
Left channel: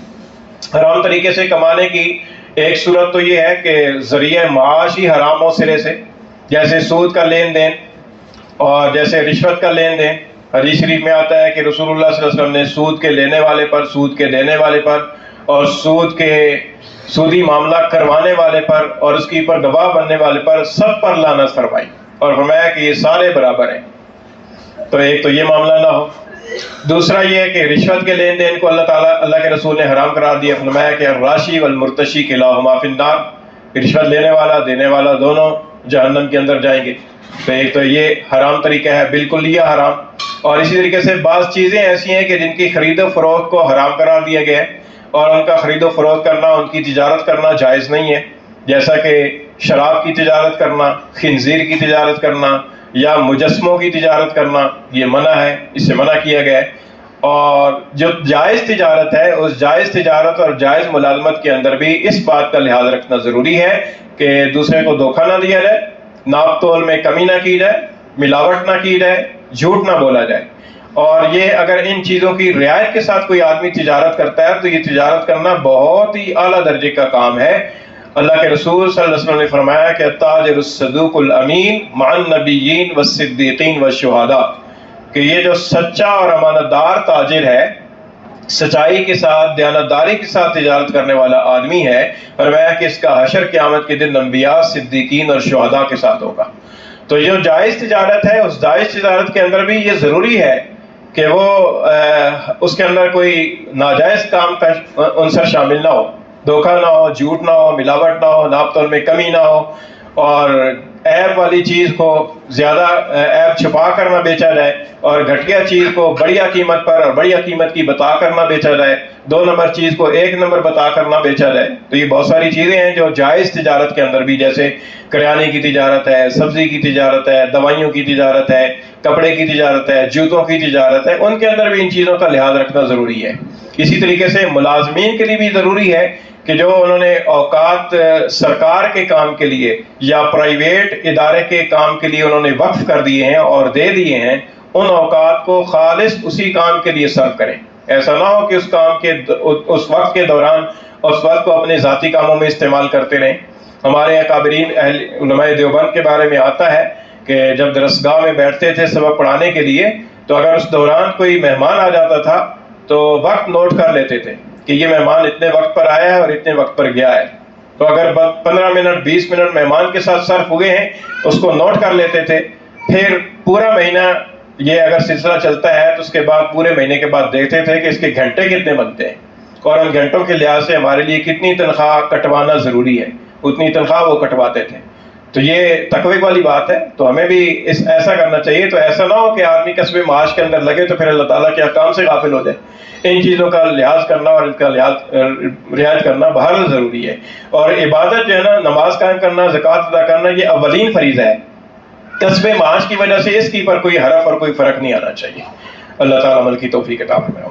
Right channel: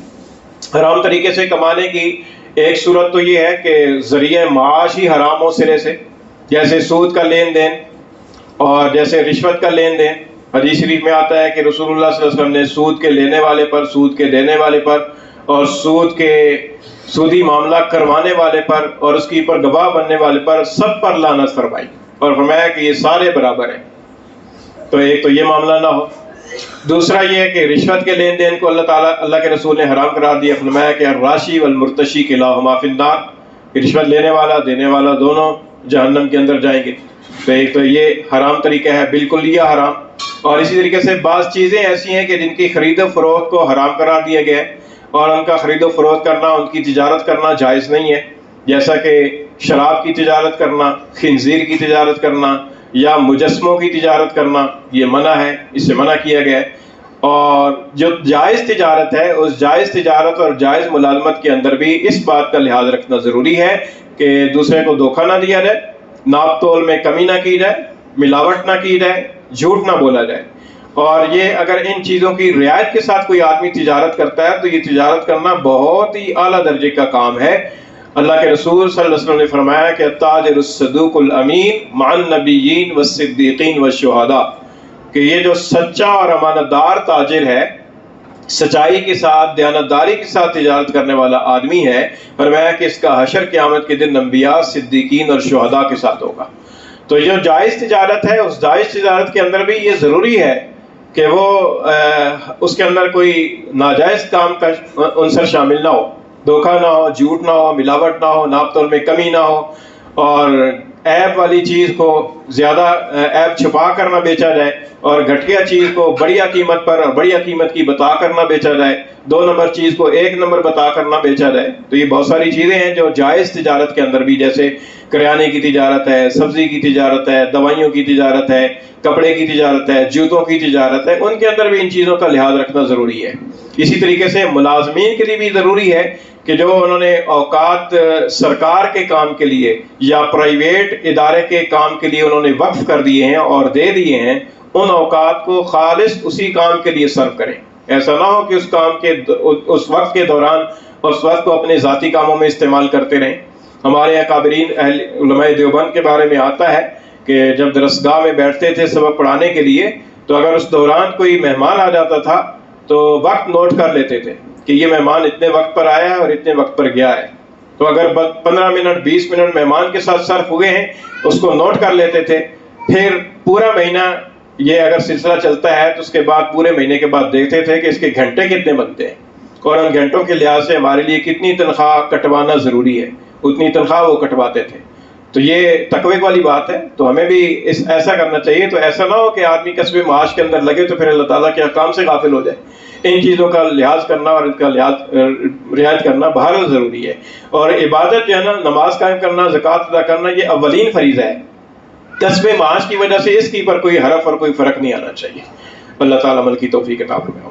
حرام طریقے سے کمانے کی ایک صورت تو یہ ہے کہ ذریعہ معاش ہی حرام ہو سرے سے، جیسے سود کا لین دین اور جیسے رشوت کا لین دین۔ حدیث شریف میں آتا ہے کہ رسول اللہ صلی اللہ علیہ وسلم نے سود کے لینے والے پر، سود کے دینے والے پر اور سودی معاملہ کروانے والے پر اور اس کے اوپر گواہ بننے والے پر سب پر لعنت فرمائی، اور فرمایا کہ یہ سارے برابر ہیں۔ تو ایک تو یہ معاملہ نہ ہو۔ دوسرا یہ ہے کہ رشوت کے لین دین کو اللہ کے رسول نے حرام قرار دیا، فرمایا کہ الراشی والمرتشی کلاہما فی النار، رشوت لینے والا دینے والا دونوں جہنم کے اندر جائیں گے۔ تو ایک تو یہ حرام طریقہ ہے، بالکل یہ حرام۔ اور اسی طریقے سے بعض چیزیں ایسی ہیں کہ جن کی خرید و فروخت کو حرام قرار دیا گیا ہے، اور ان کا خرید و فروخت کرنا، ان کی تجارت کرنا جائز نہیں ہے، جیسا کہ شراب کی تجارت کرنا، خنزیر کی تجارت کرنا یا مجسموں کی تجارت کرنا، یہ منع ہے، اس سے منع کیا گیا ہے۔ اور جو جائز تجارت ہے، اس جائز تجارت اور جائز ملازمت کے اندر بھی اس بات کا لحاظ رکھنا ضروری ہے کہ دوسرے کو دھوکہ نہ دیا جائے، ناپ تول میں کمی نہ کی جائے، ملاوٹ نہ کی جائے، جھوٹ نہ بولا جائے۔ اور یہ اگر ان چیزوں کی رعایت کے ساتھ کوئی آدمی تجارت کرتا ہے تو یہ تجارت کرنا بہت ہی اعلیٰ درجے کا کام ہے۔ اللہ کے رسول صلی اللہ علیہ وسلم نے فرمایا کہ التاجر الصدوق الامین مع النبیین والصدیقین والشہداء، کہ یہ جو سچا اور امانت دار تاجر ہے، سچائی کے ساتھ، دیانتداری کے ساتھ تجارت کرنے والا آدمی ہے، فرمایا کہ اس کا حشر قیامت کے دن انبیاء، صدیقین اور شہداء کے ساتھ ہوگا۔ تو جو جائز تجارت ہے، اس جائز تجارت کے اندر بھی یہ ضروری ہے کہ وہ اس کے اندر کوئی ناجائز کام کا عنصر شامل نہ ہو، دھوکہ نہ ہو، جھوٹ نہ ہو، ملاوٹ نہ ہو، ناپ تول میں کمی نہ ہو، اور عیب والی چیز کو زیادہ عیب چھپا کر نہ بیچا جائے، اور گھٹیا چیز کو بڑھیا قیمت پر اور بڑھیا قیمت کی بتا کر نہ بیچا جائے، 2 نمبر چیز کو 1 نمبر بتا کر نہ بیچا جائے۔ تو یہ بہت ساری چیزیں ہیں جو جائز تجارت کے اندر بھی، جیسے کریانے کی تجارت ہے، سبزی کی تجارت ہے، دوائیوں کی تجارت ہے، کپڑے کی تجارت ہے، جوتوں کی تجارت ہے، ان کے اندر بھی ان چیزوں کا لحاظ رکھنا ضروری ہے۔ اسی طریقے سے ملازمین کے لیے بھی ضروری ہے کہ جو انہوں نے اوقات سرکار کے کام کے لیے یا پرائیویٹ ادارے کے کام کے لیے انہوں نے وقف کر دیے ہیں اور دے دیے ہیں، ان اوقات کو خالص اسی کام کے لیے صرف کریں۔ ایسا نہ ہو کہ اس کام کے اس وقت کے دوران اس وقت کو اپنے ذاتی کاموں میں استعمال کرتے رہیں۔ ہمارے اکابرین علماء دیوبند کے بارے میں آتا ہے کہ جب درسگاہ میں بیٹھتے تھے سبق پڑھانے کے لیے، تو اگر اس دوران کوئی مہمان آ جاتا تھا تو وقت نوٹ کر لیتے تھے کہ یہ مہمان اتنے وقت پر آیا ہے اور اتنے وقت پر گیا ہے۔ تو اگر 15 منٹ 20 منٹ مہمان کے ساتھ صرف ہوئے ہیں، اس کو نوٹ کر لیتے تھے۔ پھر پورا مہینہ یہ اگر سلسلہ چلتا ہے تو اس کے بعد پورے مہینے کے بعد دیکھتے تھے کہ اس کے گھنٹے کتنے بنتے ہیں، اور ان گھنٹوں کے لحاظ سے ہمارے لیے کتنی تنخواہ کٹوانا ضروری ہے، اتنی تنخواہ وہ کٹواتے تھے۔ تو یہ تقوی والی بات ہے، تو ہمیں بھی ایسا کرنا چاہیے۔ تو ایسا نہ ہو کہ آدمی کسب معاش کے اندر لگے تو پھر اللہ تعالیٰ کے احکام سے غافل ہو جائے۔ ان چیزوں کا لحاظ کرنا اور ان کا رعایت کرنا بہرحال ضروری ہے۔ اور عبادت جو ہے نا، نماز قائم کرنا، زکوٰۃ ادا کرنا، یہ اولین فریضہ ہے۔ کسب معاش کی وجہ سے اس کی پر کوئی حرف اور کوئی فرق نہیں آنا چاہیے۔ اللہ تعالیٰ عمل کی توفیق عطا فرمائے۔